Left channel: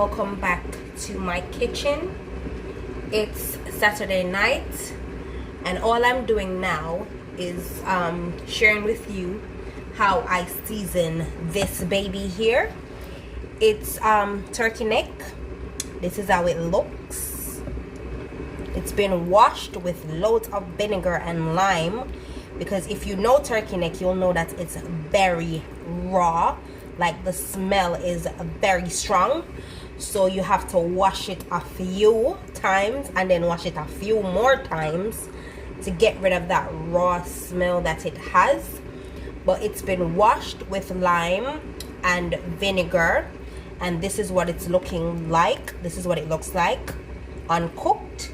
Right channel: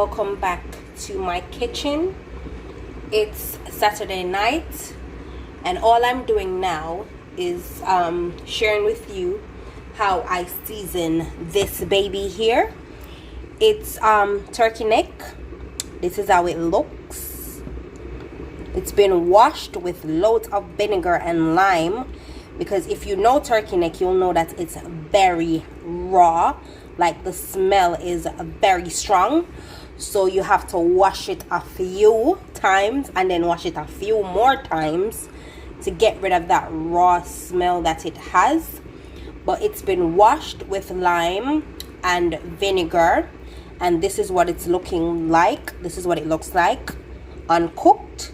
welcome back to my kitchen. It's Saturday night and all I'm doing now is sharing with you how I season this baby here. It's turkey neck. This is how it looks. It's been washed with loads of vinegar and lime, because if you know turkey neck, you'll know that it's very raw. Like, the smell is very strong, so you have to wash it a few times and then wash it a few more times to get rid of that raw smell that it has. But it's been washed with lime and vinegar, and this is what it's looking like. This is what it looks like uncooked.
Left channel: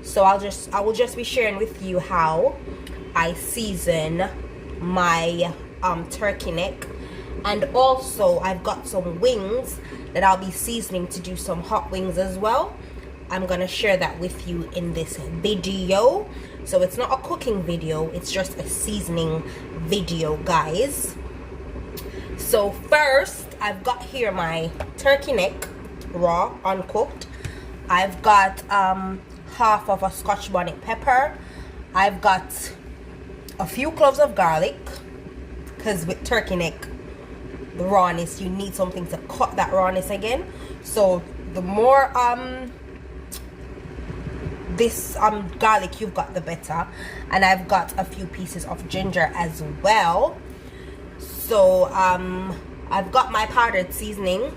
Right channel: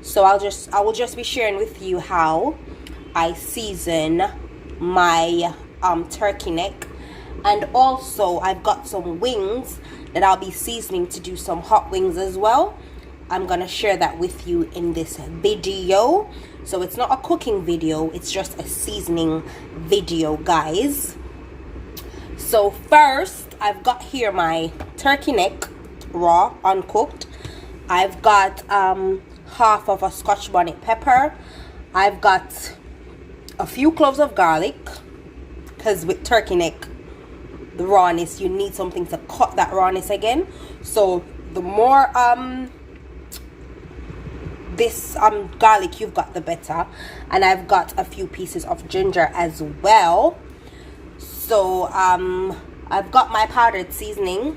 So I will just be sharing with you how I season my turkey neck. And also I've got some wings that I'll be seasoning to do some hot wings as well. I'm gonna share that with you in this video. So it's not a cooking video, it's just a seasoning video, guys. So first, I've got here my turkey neck, raw, uncooked. I've got half of a Scotch bonnet pepper. I've got a few cloves of garlic, because with turkey neck, the rawness, you need something to cut that rawness again. So the more garlic you've got, the better. And I've got a few pieces of ginger as well. So I've got my powdered seasoning.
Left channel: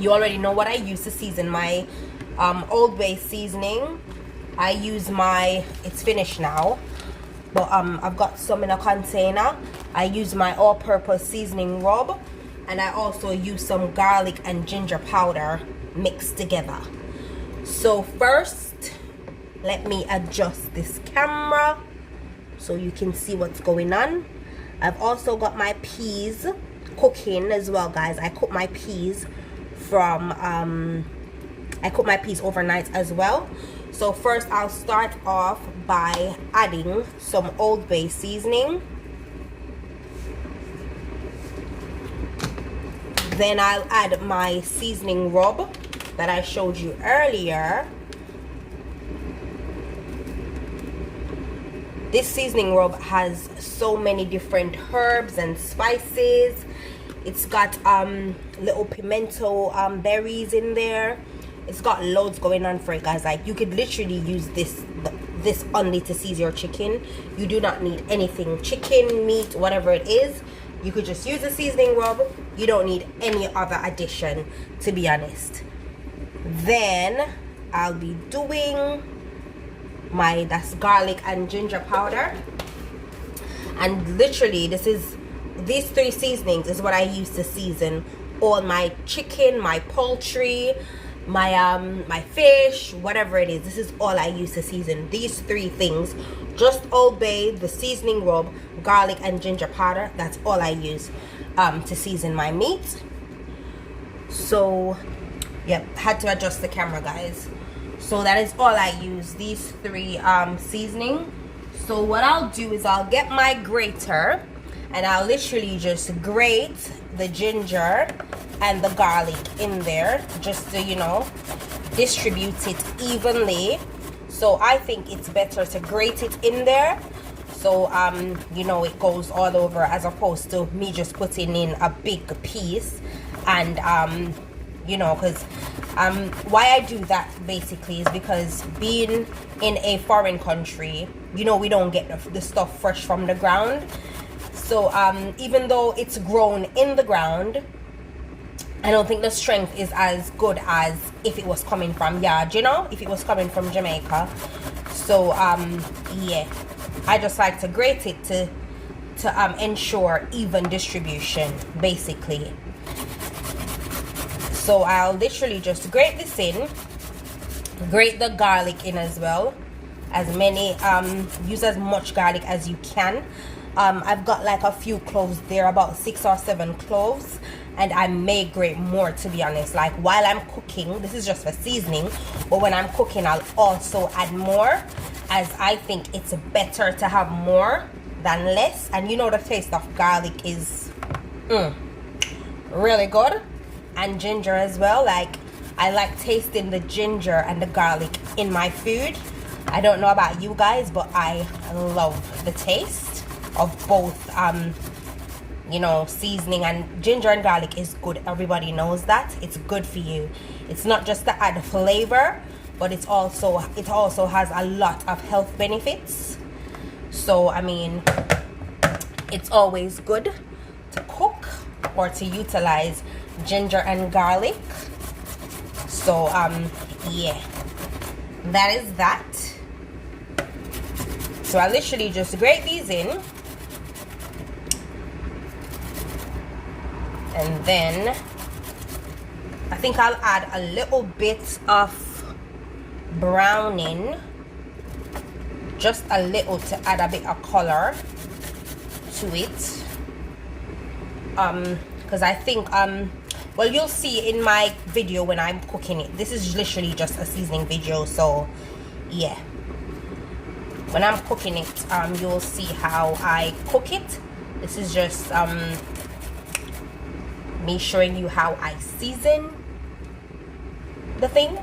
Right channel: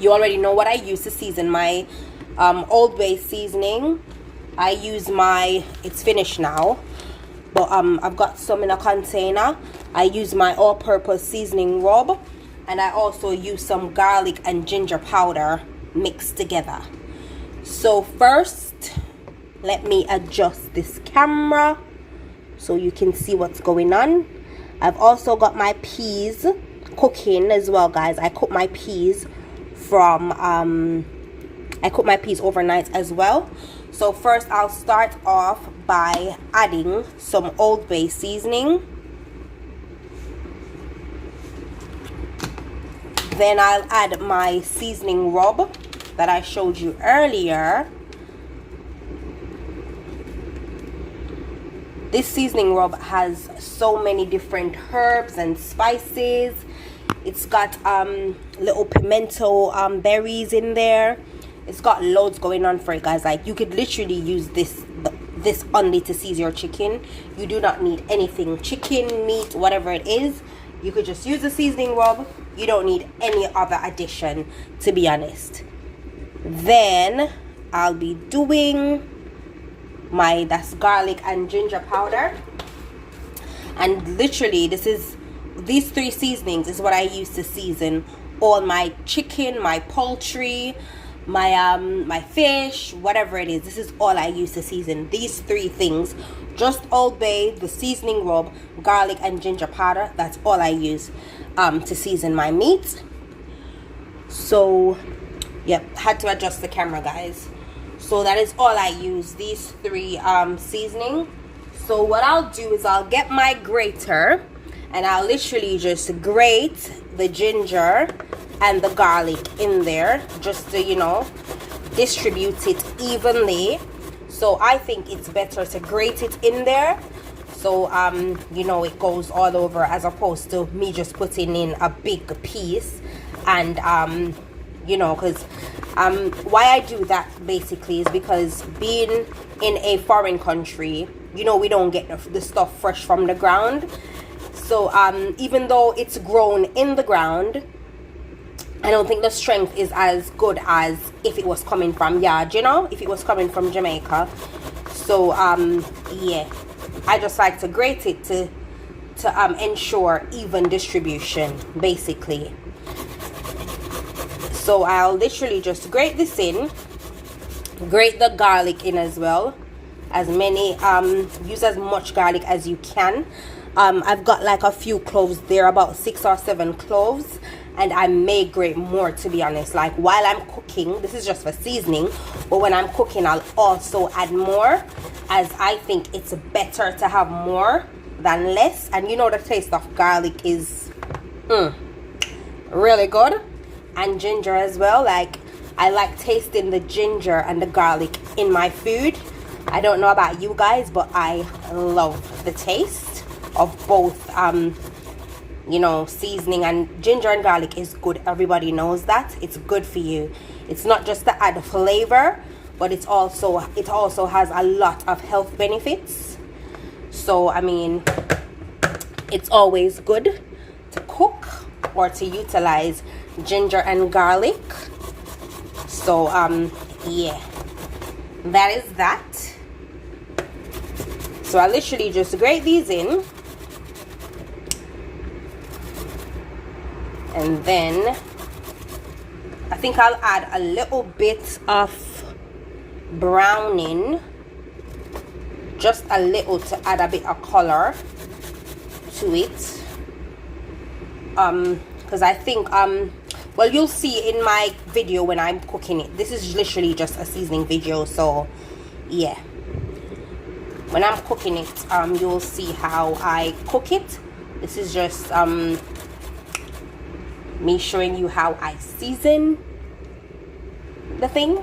You already know what I use to season my Old Bay seasoning. I use my, it's finished now, but I've got some in a container. I use my all-purpose seasoning rub, and I also use some garlic and ginger powder mixed together. So first, let me adjust this camera so you can see what's going on. I've also got my peas cooking as well, guys. I cook my peas from I cook my peas overnight as well. So first, I'll start off by adding some Old Bay seasoning. Then I'll add my seasoning rub that I showed you earlier. This seasoning rub has so many different herbs and spices. It's got little pimento berries in there. It's got loads going on for it, guys. Like, you could literally use this only to season your chicken. You do not need anything, chicken, meat, whatever it is. You could just use the seasoning rub. You don't need any other addition, to be honest. Then I'll be doing that's garlic and ginger powder. And literally, these three seasonings is what I use to season all my chicken, my poultry, my fish, whatever it is. This is all I use to season these three things. Just Old Bay, the seasoning rub, garlic and ginger powder. That's all I use to season my meat. So yep, had to adjust the camera, guys. So that is all I use, these three seasoning. So what I'll do is I'll get my grater and I'll literally just grate the ginger and the garlic in there, just to, you know, distribute it evenly. So I think it's better to grate it in there, so you know, it goes all over, as opposed to me just putting in a big piece. And you know, because why I do that basically is because being in a foreign country, you know, we don't get the stuff fresh from the ground. So even though it's grown in the ground, I don't think the strength is as good as if it was coming from yard, you know, if it was coming from Jamaica. So yeah, I just like to grate it to ensure even distribution, basically. So I'll literally just grate this in, grate the garlic in as well. Use as much garlic as you can. I've got like a few cloves there, about 6 or 7 cloves, and I may grate more, to be honest. Like, while I'm cooking, this is just for seasoning, but when I'm cooking, I'll also add more, as I think it's better to have more than less. And you know, the taste of garlic is really good, and ginger as well. Like, I like tasting the ginger and the garlic in my food. I don't know about you guys, but I love the taste of both, you know, seasoning. And ginger and garlic is good. Everybody knows that. It's good for you. It's not just to add flavor, but it also has a lot of health benefits. So, I mean, it's always good to cook or to utilize ginger and garlic. So, yeah, that is that. So I literally just grate these in, and then I think I'll add a little bit of browning, just a little, to add a bit of color to it. Because I think well, you'll see in my video when I'm cooking it. This is literally just a seasoning video, so yeah. When I'm cooking it, you'll see how I cook it. This is just me showing you how I season the thing.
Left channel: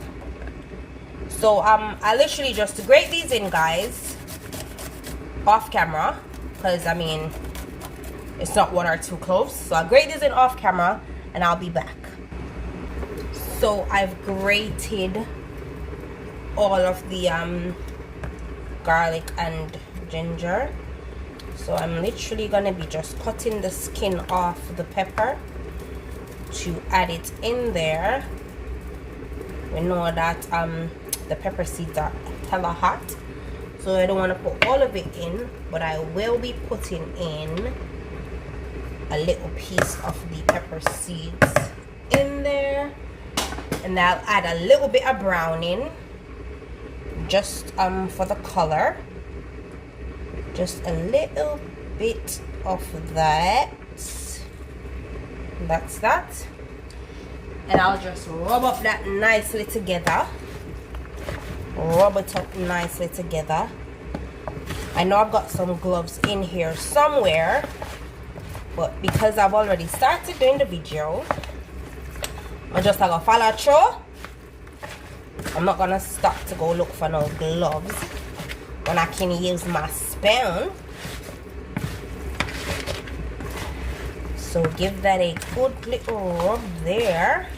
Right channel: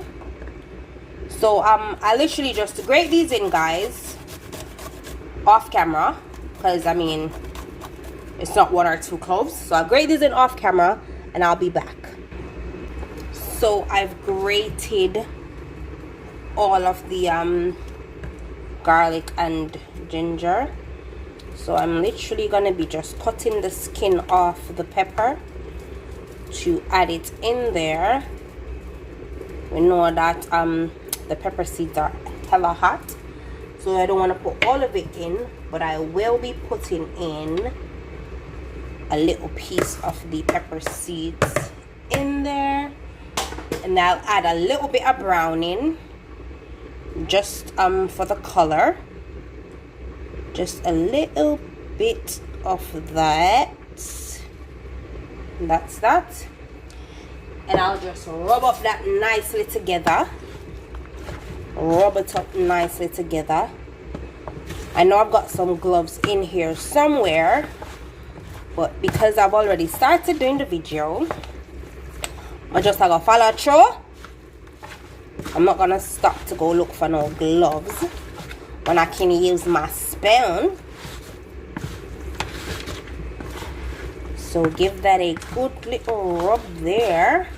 So I literally just grate these in, guys, off camera, because I mean, it's not 1 or 2 cloves. So I'll grate these in off camera and I'll be back. So I've grated all of the garlic and ginger. So I'm literally gonna be just cutting the skin off the pepper to add it in there. We know that the pepper seeds are hella hot, so I don't want to put all of it in, but I will be putting in a little piece of the pepper seeds in there, and I'll add a little bit of browning, just for the color, just a little bit of that. That's that. And I'll just rub up that nicely together. Rub it up nicely together. I know I've got some gloves in here somewhere, but because I've already started doing the video, I just have to follow through. I'm not gonna stop to go look for no gloves when I can use my spoon. So give that a good little rub there.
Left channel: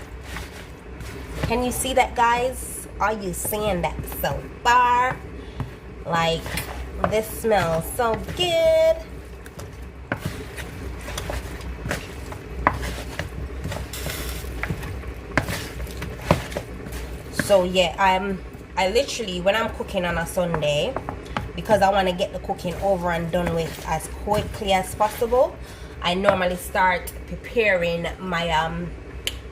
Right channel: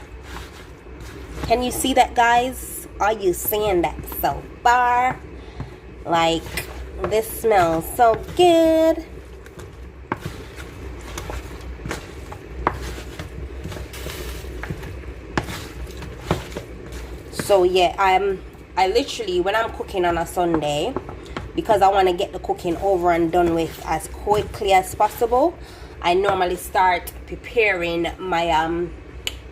Can you see that, guys? Are you seeing that so far? Like, this smells so good. So yeah, I literally, when I'm cooking on a Sunday, because I want to get the cooking over and done with as quickly as possible, I normally start preparing my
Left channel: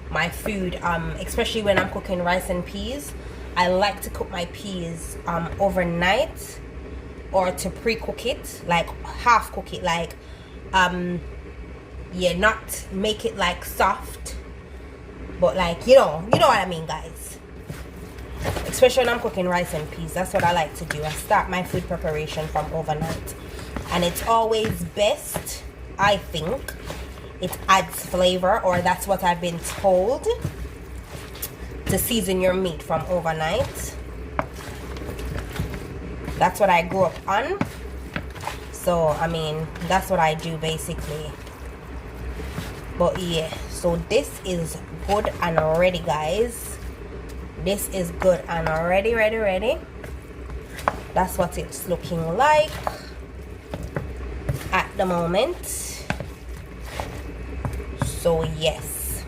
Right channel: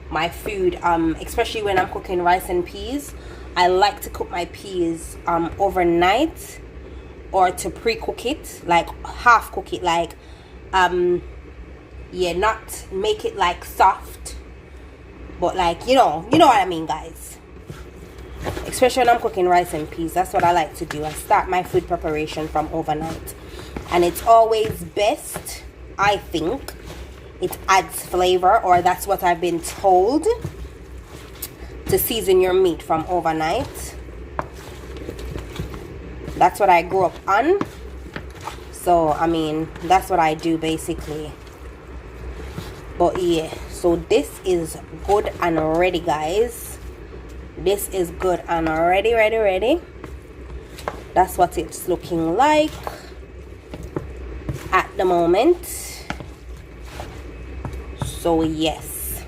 my food, especially when I'm cooking rice and peas. I like to cook my peas overnight, or to pre-cook it, like half cook it, like yeah, not make it like soft, but like, you know what I mean, guys. Especially when I'm cooking rice and peas, that's what I like to do. I start my food preparation from overnight, and it's always best, I think. It adds flavor, or that's what I've been told, to season your meat from overnight. That's what I grew up on. So, I mean, that's what I do basically. But yeah, so this is good and ready, guys. This is good and ready. That's what it's looking like at the moment. So yes,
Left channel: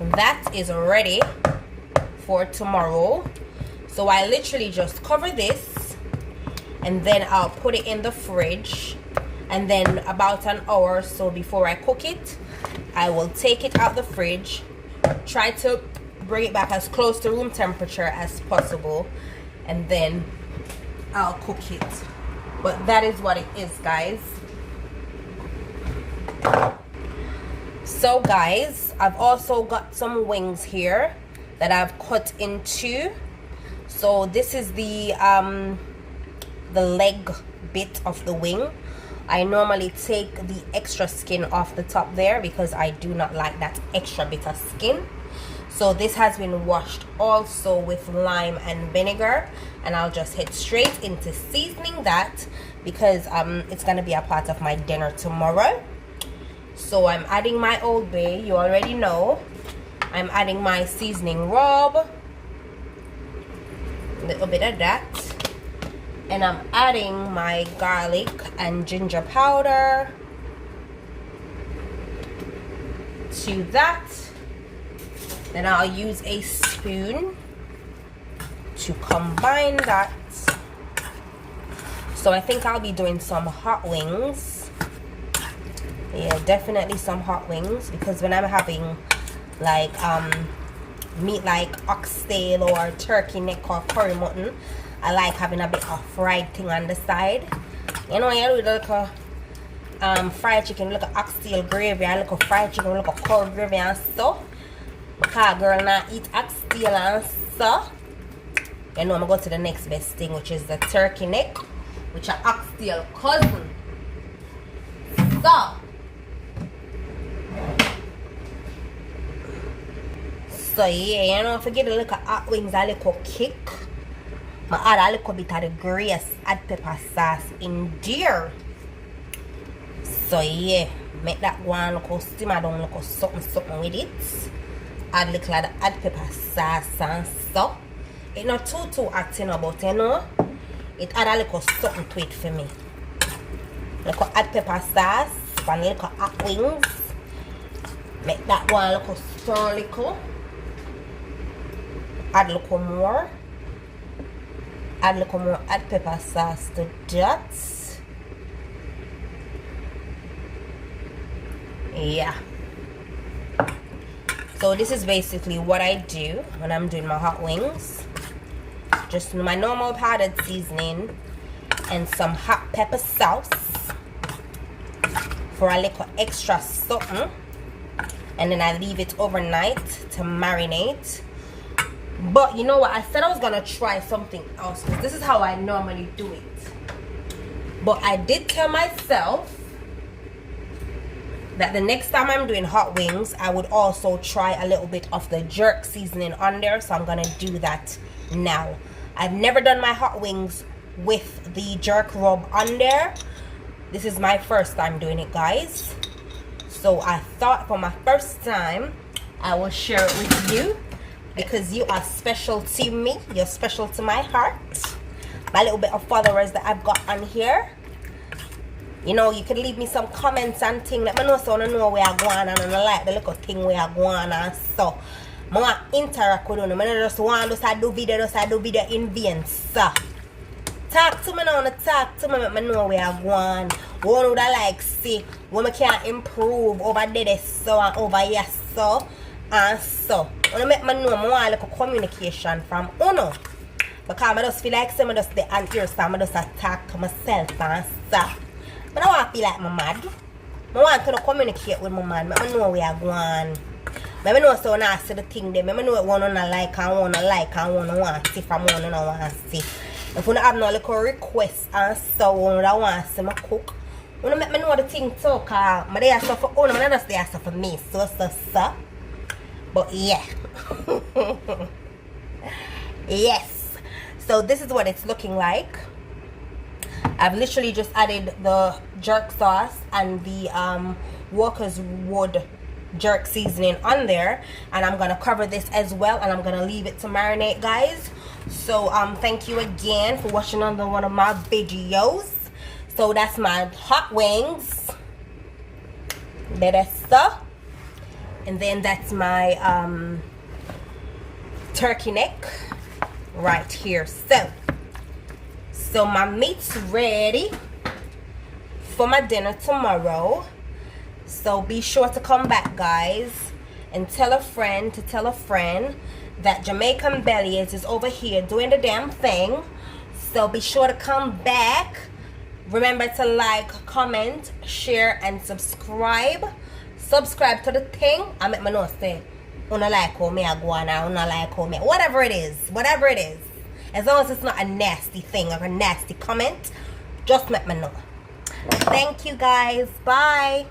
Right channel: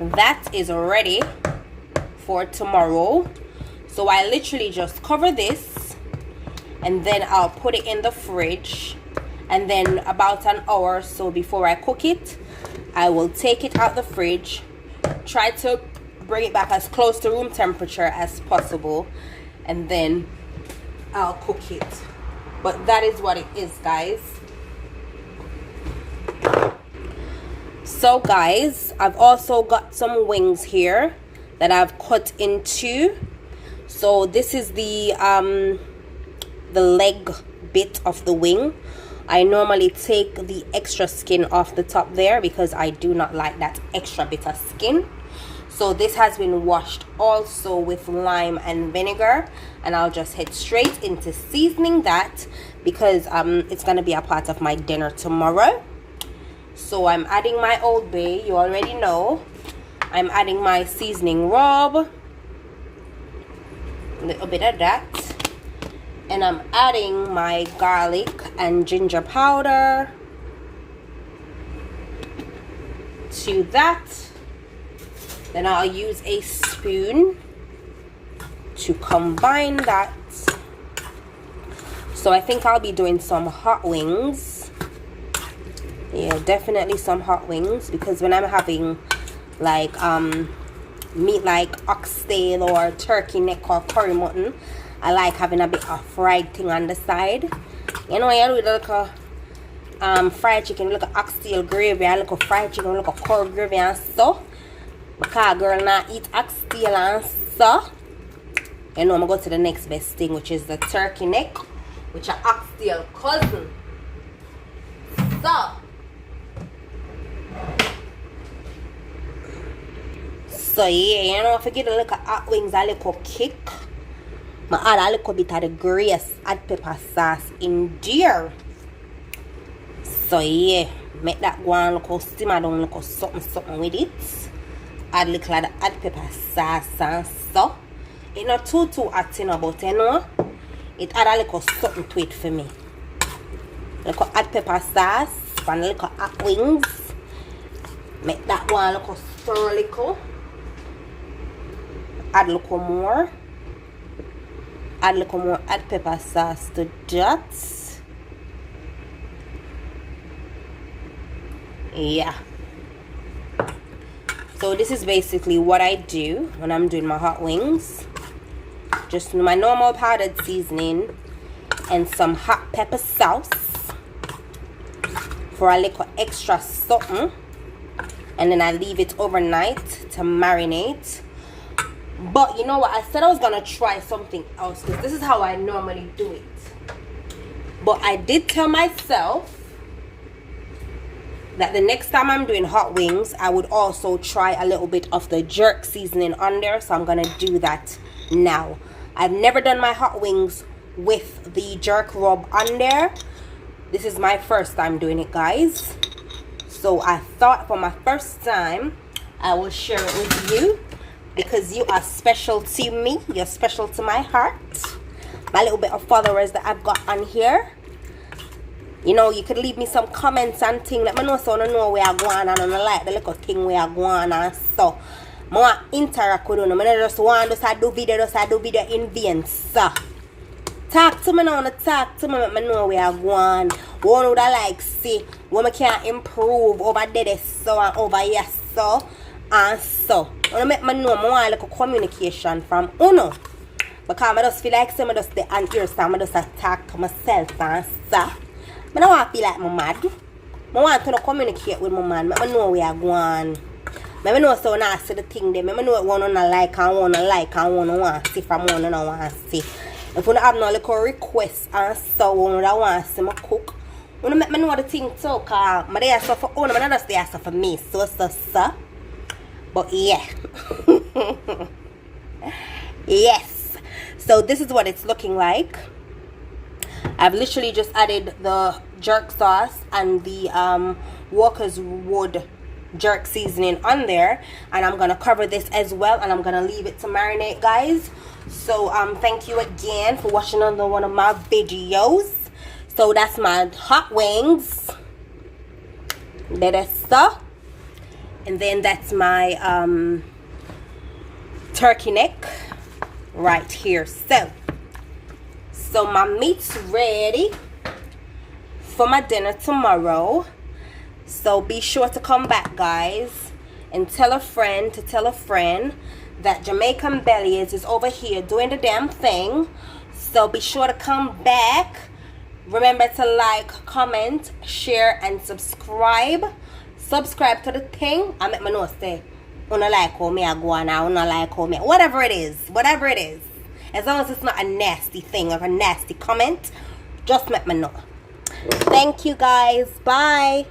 that is ready for tomorrow. So I literally just cover this, and then I'll put it in the fridge, and then about an hour or so before I cook it, I will take it out the fridge, try to bring it back as close to room temperature as possible, and then I'll cook it. But that is what it is, guys. So guys, I've also got some wings here that I've cut in two. So this is the leg bit of the wing. I normally take the extra skin off the top there because I do not like that extra bit of skin. So this has been washed also with lime and vinegar, and I'll just head straight into seasoning that because it's gonna be a part of my dinner tomorrow. So I'm adding my Old Bay, you already know. I'm adding my seasoning rub, a little bit of that, and I'm adding my garlic and ginger powder to that. Then I'll use a spoon to combine that. So I think I'll be doing some hot wings. Yeah, definitely some hot wings, because when I'm having like meat like oxtail or turkey neck or curry mutton, I like having a bit of fried thing on the side. You know, you do look a fried chicken, look at oxtail gravy, I look at fried chicken, look at curry gravy and stuff. Because girl not eat oxtail and stuff. You know, I'm going to go to the next best thing, which is the turkey neck, which are oxtail cousin. So yeah, you know, forget to look at hot wings, a little kick. I add a little bit of the grease, add pepper sauce in there. So yeah, make that one look simmer down, look something with it. Add little like add pepper sauce and stuff. It's not too hot, you know, but you know, it add a little something to it for me. Little add pepper sauce and little hot wings. Make that one look stir a little. Add a little more. Add a little more, add pepper sauce to that. Yeah. So this is basically what I do when I'm doing my hot wings. Just my normal powdered seasoning and some hot pepper sauce for a little extra something. And then I leave it overnight to marinate. But you know what, I said I was gonna try something else because this is how I normally do it. But I did tell myself that the next time I'm doing hot wings, I would also try a little bit of the jerk seasoning on there. So I'm gonna do that now. I've never done my hot wings with the jerk rub on there. This is my first time doing it, guys. So I thought for my first time, I will share it with you because you are special to me. You're special to my heart. My little bit of followers that I've got on here. You know, you could leave me some comments and things. Let me know so I know where I'm going and I don't like the little thing where I'm going and so. I want to interact with you. I don't just want to do video in vain. So, talk to me now, talk to me, let me know where I'm going. One would I like see when I can improve over there so and over here so and so. I want to make me know I want a little communication from Uno. Because I just feel like I just stay on here so I just talk to myself and so. I don't want to feel like I'm mad. I want to communicate with my man. I know where I'm going. I know so I see the thing there. I know what one I like and one I like and one I want to see from one I want to see. If you have no little requests and so one I want to see me cook, you make me know the thing too, because I do stuff for one, I just do stuff for me. So. But yeah. Yes. So this is what it's looking like. I've literally just added the jerk sauce and the Walker's Wood jerk seasoning on there, and I'm gonna cover this as well, and I'm gonna leave it to marinate, guys. So thank you again for watching another one of my videos. So that's my hot wings, that's stuff, and then that's my turkey neck right here. So my meat's ready for my dinner tomorrow. So be sure to come back, guys, and tell a friend to tell a friend that Jamaican Bellies is over here doing the damn thing. So be sure to come back. Remember to like, comment, share, and subscribe. Subscribe to the thing. I make my nose say, "Una like how me I go on now, una like how me." Whatever it is, whatever it is. As long as it's not a nasty thing or a nasty comment, just let me know. Thank you, guys. Bye.